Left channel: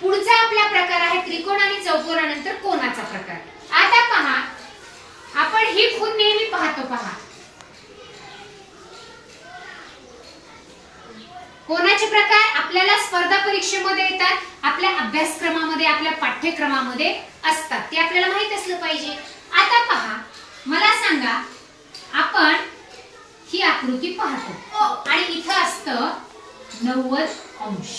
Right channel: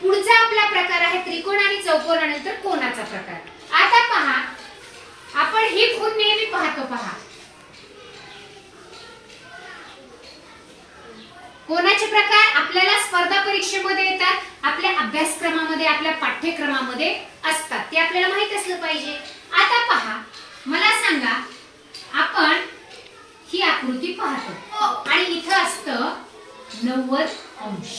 पुढचा आपला प्रकार आहे त्रिकोण आणि चौकोनानंतर कोणाचा प्रकार. आता पहा आपण ही खून नेहमी पाहतो पहा. कोणाचे प्रकार आपल्याला स्पर्धा परीक्षेमध्ये येतात आपल्या अभ्यासक्रमामध्ये आपल्या पाठ्यक्रमामध्ये असतात. ते आपल्याला माहीत असलं पाहिजे. आता पहा मला सांगा आपण ही आकृती पाहतो. आणि इथं असतं नव्वद अंश.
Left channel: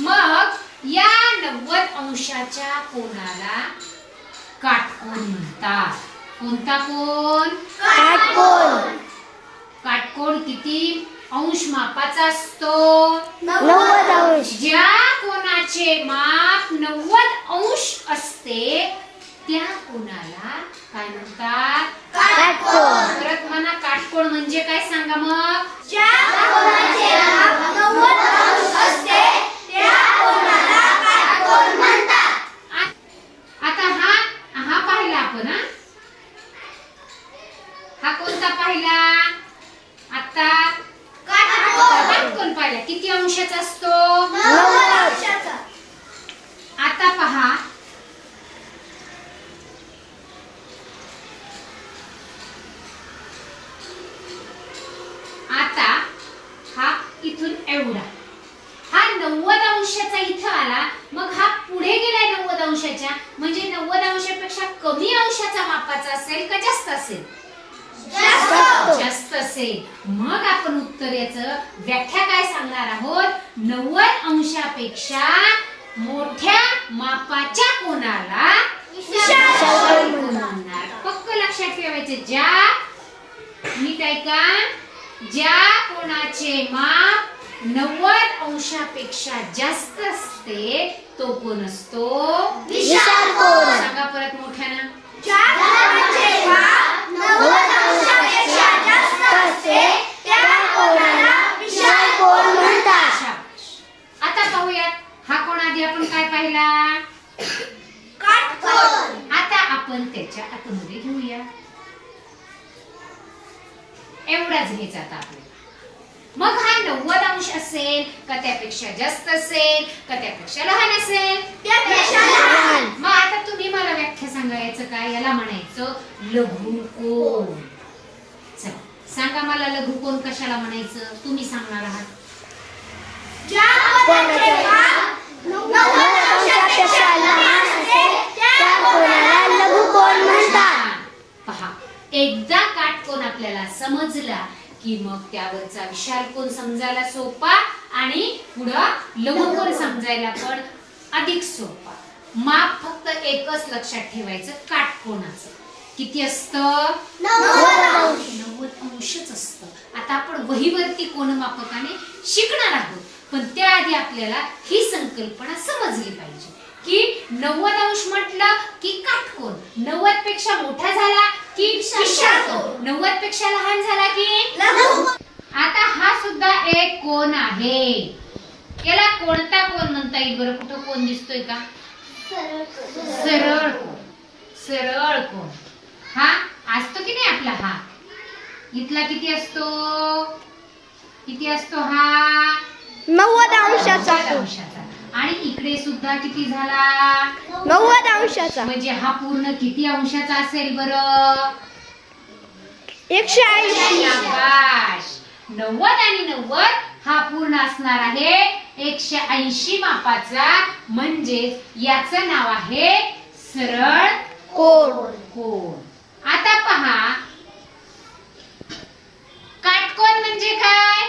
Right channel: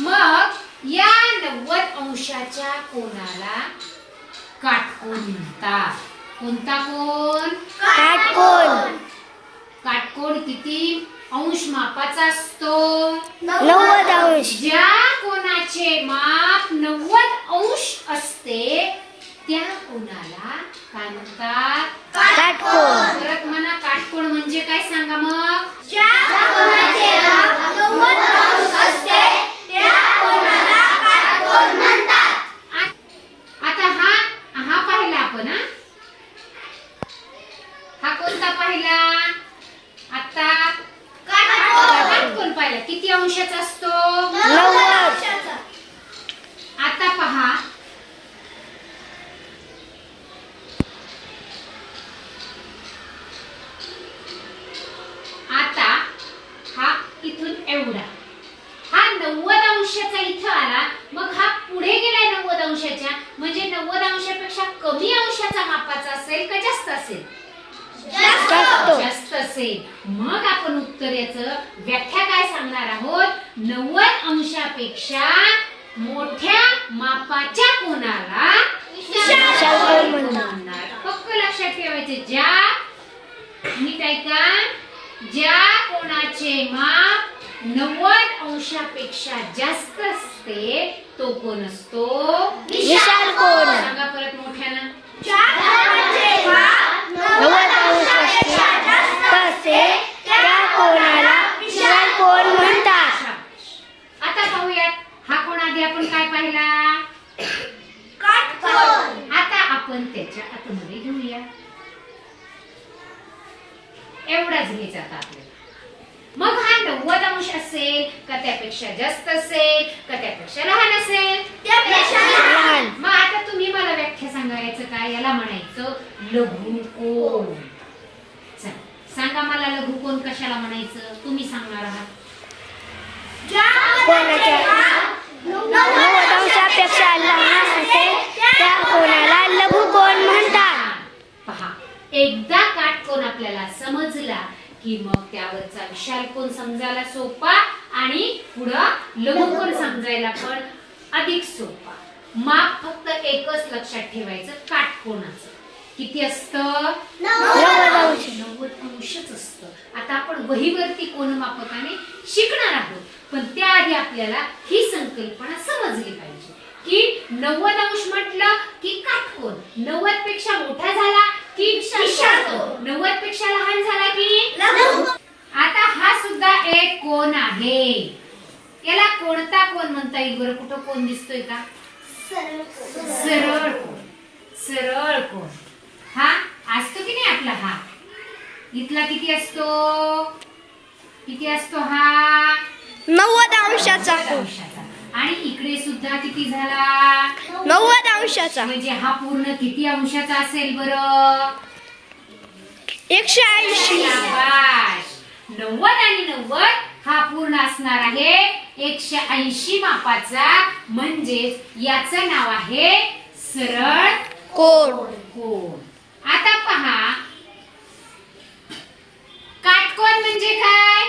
मग या नव्वद अंशाच्या कोणाला काटकोन म्हणतात. कोणता कोण काटकोन. काटकोन किती अंश मापाचा असतो? नव्वद अंश. ज्या कोणाचे माप नव्वद अंश असते त्या कोणाला काय म्हणतात? काटकोन. परत म्हणा काटकोण म्हणजे काय सांगा मग आ- आता हा हा पाहिला आपण हा हा कोणता पाहिला आता पाहिला किती अंशाचा असतो? आता पहा. आता हा इथून एवढा. हा नव्वद अंशाचा इथं आला मग हा पुढे गेलाय नव्वद अंशाच्या. म्हणजे नव्वद अंशापेक्षा कमी अंशाचा मापाचा असेल का जास्त असेल? असेल मग आपण उत्तर याचं व्याख्या काय सांगणार आहोत? नव्वद अंशापेक्षा मोठ्या मापाच्या कोणाला पक्क लक्षात ठेवायचे ज्या नीट ऐका ज्या कोणाचे माप नव्वद अंशापेक्षा जास्त असते तो कोण असतो? विशाल कोण. सांगा परत मोठ्यानं नव्वद अंशापेक्षा जास्त असते त्या कोणाला विशाल कोण म्हणतात शाबास. आता पाहूयात हा कोण आधी आपण काय पाहिला आता त्याच्या आतमध्ये घेऊया. एवढाच घ्यायचा आता आपल्याला. मग हा नव्वद अंश असेल का त्यापेक्षा जास्त असेल का त्यापेक्षा लहान असेल? लहान. मग आता तुम्ही मला व्याख्या सांगायचं काय याला म्हणायचं लघुकोण चला सांगा मला लघुकोण कशाला म्हणायचं? तुम्ही सांगणार आहात. कोणाच्या? नव्वद अंशापेक्षा लहान असेल त्या कोणाला लघुकोण म्हणतात पहा एकदा काटकोन आपल्याला समजला की मग त्यावरचा विशाल कोण समजायला सोपा आणि पुढं लघुकोन समजायला पण अधिक सोपा. माप फक्त एकच लक्षात ठेवायचं काटकोणाचं किती असतं? नव्वद अंशच असतं. आता आपण वहीवरती कोणमापकाने शिकणार आहोत पण त्याआधी आपल्याला ही संकल्पना समजली पाहिजे. की नव्वद अंश म्हटलं की काटकोन नव्वदपेक्षा मोठा झाला नव्वदपेक्षा लहान झाला की? आता हा सुद्धा एक कोण आहे? याला कोणता कोण म्हणता येईल बरं? कुठं कोण दिसतोय का? सरळ कोण. सरळ कोण. हा? असतो की नाही आपला हा? इथला किती असतो? किती असतो हा? नव्वद अंशाचा. अंशाचा. आणि इकडे सुद्धा किती झाला? नव्वद अंशाचा. म्हणजे हा पूर्ण किती अंशाचा असेल बरं? एकशे ऐंशी. नव्वद आणि नव्वद हा पूर्ण असणार आहे एकशे ऐंशी मापाचा. म्हणजेच याचं नाव आहे सरळ कोण? कोण. आता पहा. काटकोन म्हणजे काय?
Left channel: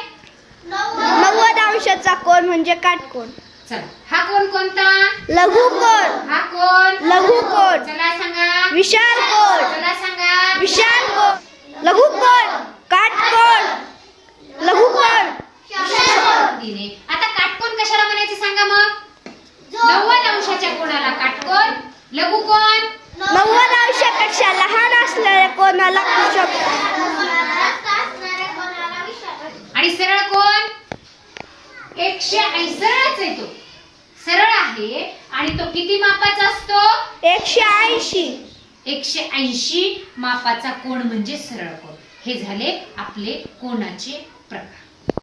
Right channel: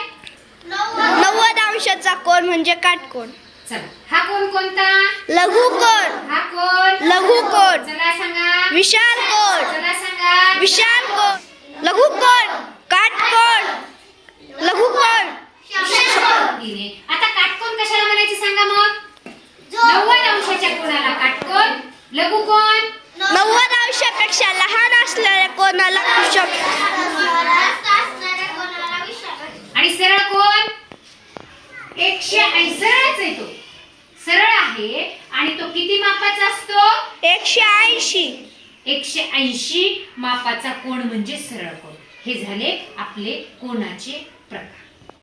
नव्वद अंशाचा कोण म्हणजे काटकोण चला. हा कोण कोणता? लघुकोण हा कोण? लघुकोण चला सांगा. विशाल कोण? चला सांगा. विशाल कोण? लघुकोण काटकोण लघुकोण आता काटकोन कशाला म्हणायचे सांगा मग? नव्वद अंशाच्या कोणाला काटकोन लघु कोण? नव्वद अंशापेक्षा लहान असलेल्या कोणाला आणि सरळ कोण? एकशे ऐंशी सरळच आहे तो. सरळ आहे आणि तो किती मापाचा असतो? एकशे ऐंशी. एकशे ऐंशी मापाचा कोण म्हणजे सरळ कोण? हे झाले आपले कोणाचे